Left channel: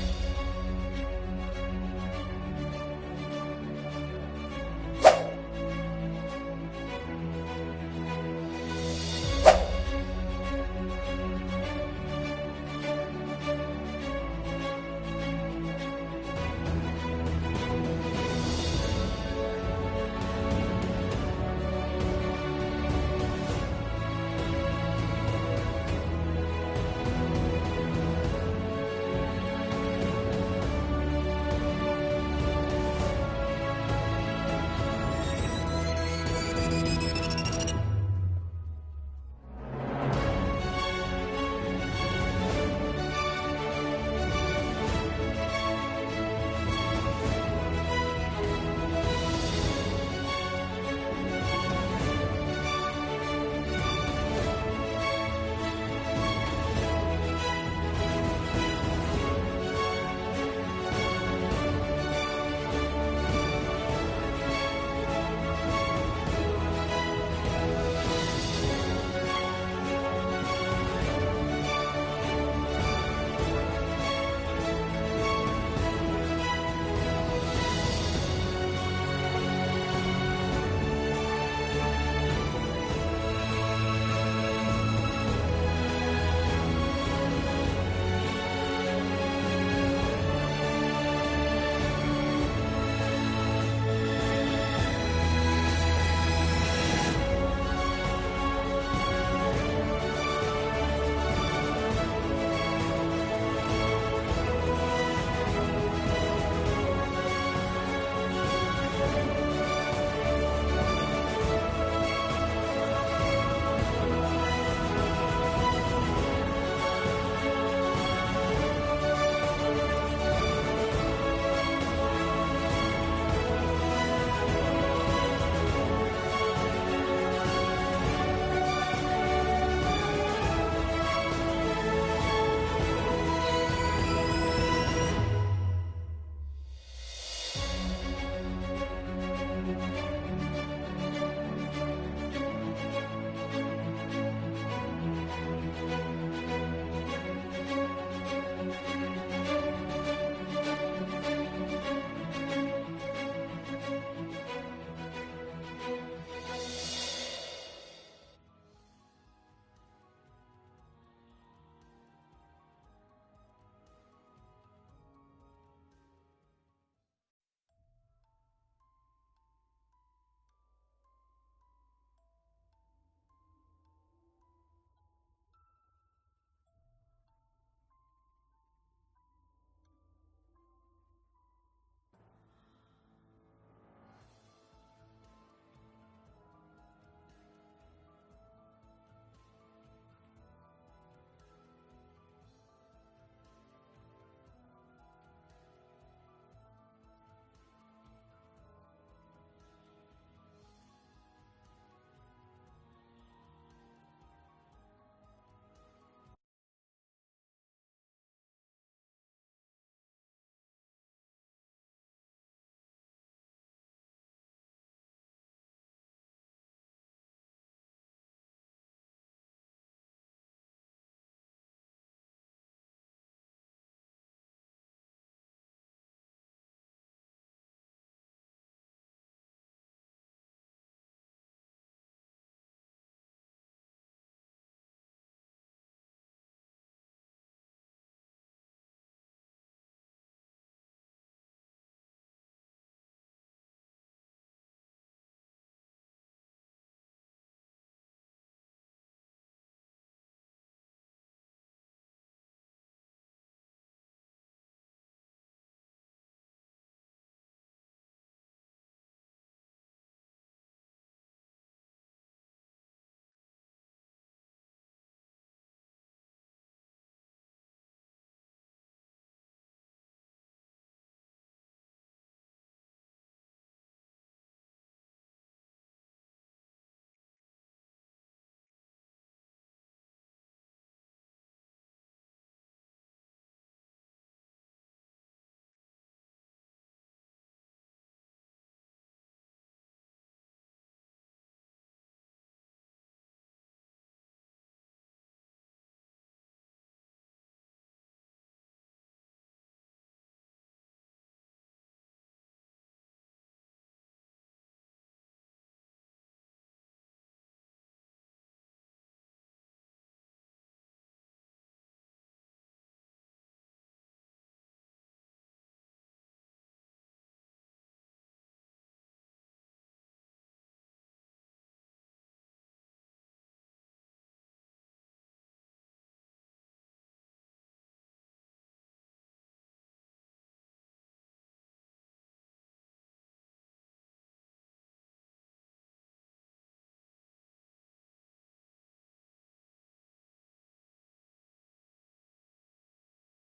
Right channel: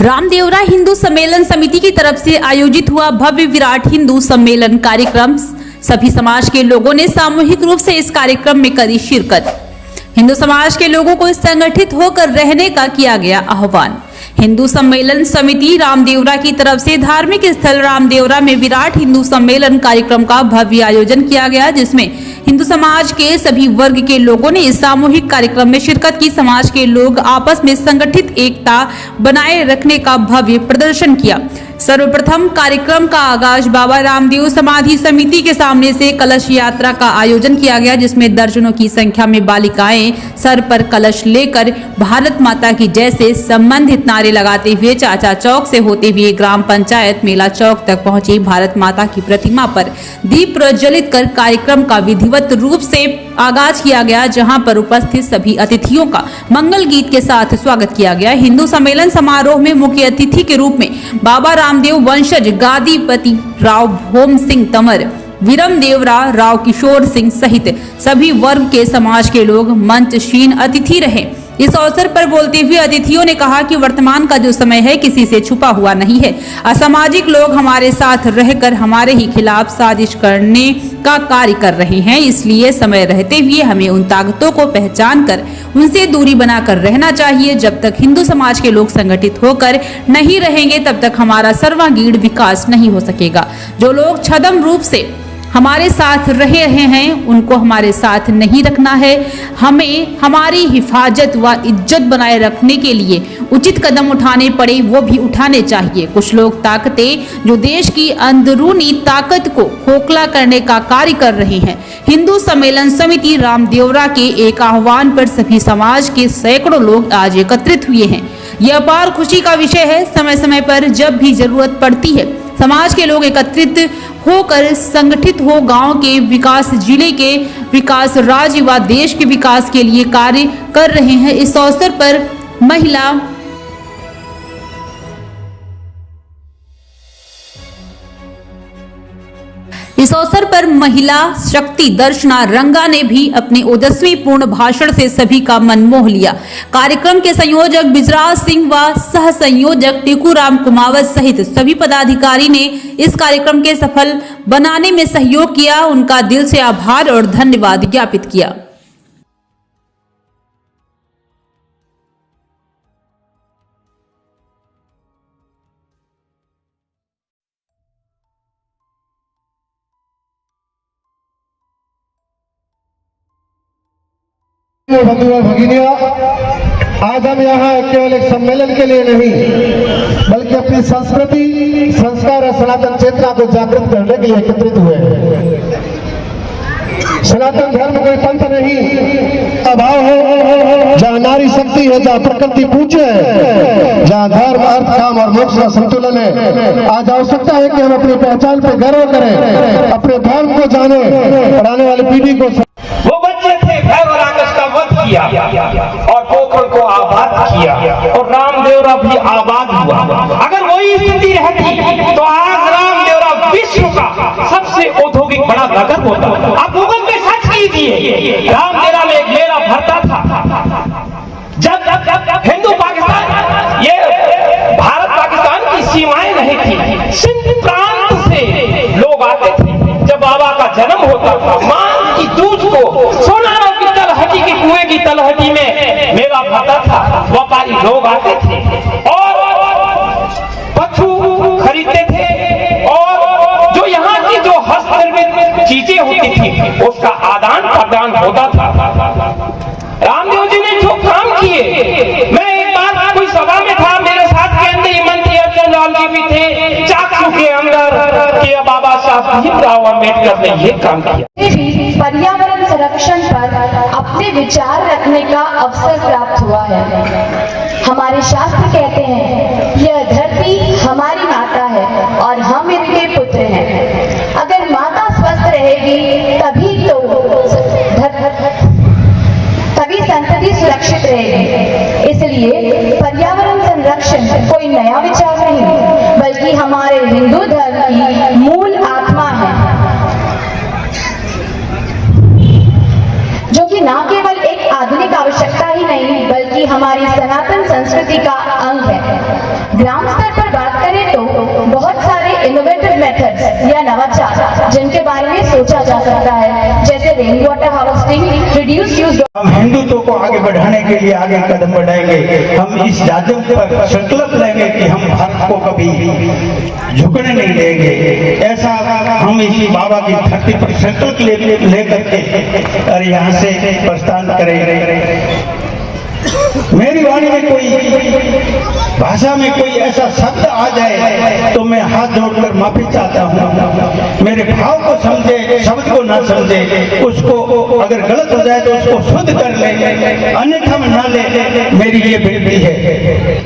रामदेवरा हिंदू सम्मेलन समिति की तरफ से आयोजित हुआ भव्य विराट हिंदू सम्मेलन कार्यक्रम। सभी समाज के लोगों ने सामूहिक रूप से इस कार्यक्रम में करी शिरकत। हिंदू समाज के लोगों को संगठित होकर रहने का किया गया आह्वान। हिंदू सम्मेलन समिति रामदेवरा की तरफ से धार्मिक स्थल रामदेवरा में विराट हिंदू सम्मेलन कार्यक्रम का भव्य आयोजन किया गया, जिसमें हिंदू समाज के सभी वर्ग के लोगों ने इस सामूहिक कार्यक्रम में शिरकत की। समाज के लोग आपस में संगठित एकता बनाए रखने का भव्य प्रदर्शन किया। सर्वप्रथम कार्यक्रम का आगाज बाबा रामदेव समाधि समिति के सामने से कलश यात्रा का आयोजन किया गया, जिसमें दर्जनों की संख्या में बालिकाएं सर पर कलश लेकर भारत माता की जय से संबंधित नारे लगाते हुए चाचा चौक से होते हुए ग्राम पंचायत मेला चौक तक पहुंची। भारत माता की प्रतिमा पर दीप प्रज्वलित कर कार्यक्रम का विधिवत रूप से आगाज किया गया, जहां पर उपस्थित सभी अतिथियों का मंगल गीत के साथ स्वागत किया गया। हिंदू सम्मेलन समारोह में मुख्य अतिथि के रूप में बाबा रामदेव वंशज गादीपति राव भोम सिंह तंवर, विरम देवरा, राव किशोर सिंह सहित सभी वर्ग के समाज के लोग मंचशीन अतिथि रहे। इस अवसर पर बोलते हुए अतिथियों ने कहा कि वर्तमान का जो समय है किसी से छुपा हुआ नहीं है। असामाजिक लोग हमारे साथ रहकर हमारे ही खिलाफ साजिश करने का कार्य कर रहे हैं, इसलिए समय रहते हुए हमें उन ताकतों को पहचान कर उनसे दूरी बनाकर रहना चाहिए। जब तक हिंदू समाज के लोग संगठित होकर नहीं रहेंगे तब तक हमारा सर्वांगीण विकास नहीं हो सकेगा। जो लोग छद्म रूप से हमारे साथ रहे हैं उनको हमारे साथ नहीं रखना है। हमें हमारी हिफाजत व इज्जत बनाए रखने के लिए उचित कदम उठाने पड़े वो भी उठाने चाहिए। कुछ लोग ताकतें जो देश की अंदरूनी ताकत को खोखला करने का कार्य कर रहे हैं। हिंदू सम्मेलन समिति रामदेवरा के एक आह्वान पर सभी समाज के सैकड़ों लोग आज एकत्रित हुए हैं। यह अपार खुशी का विषय है। समय समय पर जब भी जरूरत पड़ती है समाज के लोग एकत्रित होकर संगठित हो गांव के विकास, जिले के विकास, राज्य व देश के विकास के लिए कार्य कर रहे हैं। इस अवसर पर महिला शक्ति दर्शना रंगा ने भी अपने ओजस्वी पूर्ण भाषण से सभी का मन मोह लिया। कार्यक्रम के संयोजक बिजराज सिंह व सह संयोजक टेकूराम कुमावत सहित सभी पदाधिकारी ने इस कार्यक्रम के सफल बनाने में सहयोग किया। उनका दिल से आभार और धन्यवाद ज्ञापित किया। बंधु और भगिनियों, आज हम यहाँ केवल एक सम्मेलन के लिए नहीं बल्कि अपनी संस्कृति, संस्कार और सनातन चेतना को जागृत करने के लिए एकत्रित हुए हैं। सनातन धर्म कोई पंथ नहीं, अभाव है। जहाँ नारी शक्ति है, जहाँ प्रकृति पूज्य है, जहाँ धर्म, अर्थ, काम और मोक्ष का संतुलन है। आज आवश्यकता है कि हम अपनी पहचान पर गर्व करें, अपने धर्म को जाने और आने वाली पीढ़ी को। वो बच्चे थे, भैरव राक्षस का वध किया और पोखर को आबाद किया और रामदेवरा भी आबाद हुआ। अगर वही स्थिति रहती तो आज रामदेवरा विश्व का सबसे औद्योगिक बड़ा नगर होता। आप गूगल पे सर्च कीजिए, रामदेवरा में एक मेला भरता था। जब हिंदू पाकिस्तान, ये भारत पाकिस्तान की सीमाएं नहीं थी, सिंध प्रांत से लोग आते थे। जब बाबा का जन्म होता था, मां की दूध को सोनारों की तलहटी की कुएं की तलहटी में मेला भरता था। व्यापारी लोग आते थे और पशु खरीदते थे और जो यहाँ की जो हस्तनिर्मित चीजें होती थी उसका आदान प्रदान होता था। रामदेव जी ने जो काम किए, मैं एक बार कोई सभा में था, मेरे साथ केंद्रीय मंत्री अर्जुन लाल जी भी थे, चाकू के अंदर कि बाबा साहब भीमराव अम्बेडकर ने ये काम किया। पर्यावरण संरक्षण पर अपने विचार रखने का अवसर प्राप्त हुआ है। हमारे शास्त्र कहते हैं यह धरती हमारी माता है और हम इनके पुत्र हैं। अगर माता स्वस्थ रहेगी तभी संतति सुरक्षित रहेगी। इसलिए पर्यावरण संरक्षण कोई नया विचार नहीं बल्कि हमारे हिंदू धर्म की मूल आत्मा है, जो कि न केवल एक आधुनिक आवश्यकता ही नहीं बल्कि बल्कि हमारी सनातन संस्कृति का अंग है। ग्राम स्तर पर बात करें तो बहुत सारे इनोवेटिव मेथड्स या नवाचार जिनके बारे में सोचा जा सकता है, जैसे rain water harvesting, reduce use. हम हिंदुत्व को आगे बढ़ाने के लिए आगे कदम बढ़ाएंगे। हम इस जाजम पर संकल्प लेंगे कि हम भारत को कभी झुकने नहीं देंगे। ऐसा हम इसी बाबा की धरती पर संकल्प ले करके और यहाँ से प्रस्थान करेंगे। मेरी वाणी में कोई भाषा में कोई ऐसा शब्द आ जाए तो मैं हाथ जोड़कर माफी चाहता हूँ। मेरे भाव को समझे, शब्द को ना समझे, उसको अगर गलत हो जाए तो उसको शुद्ध कर ले, अन्यथा में ना ले, मेरी ये विनती है।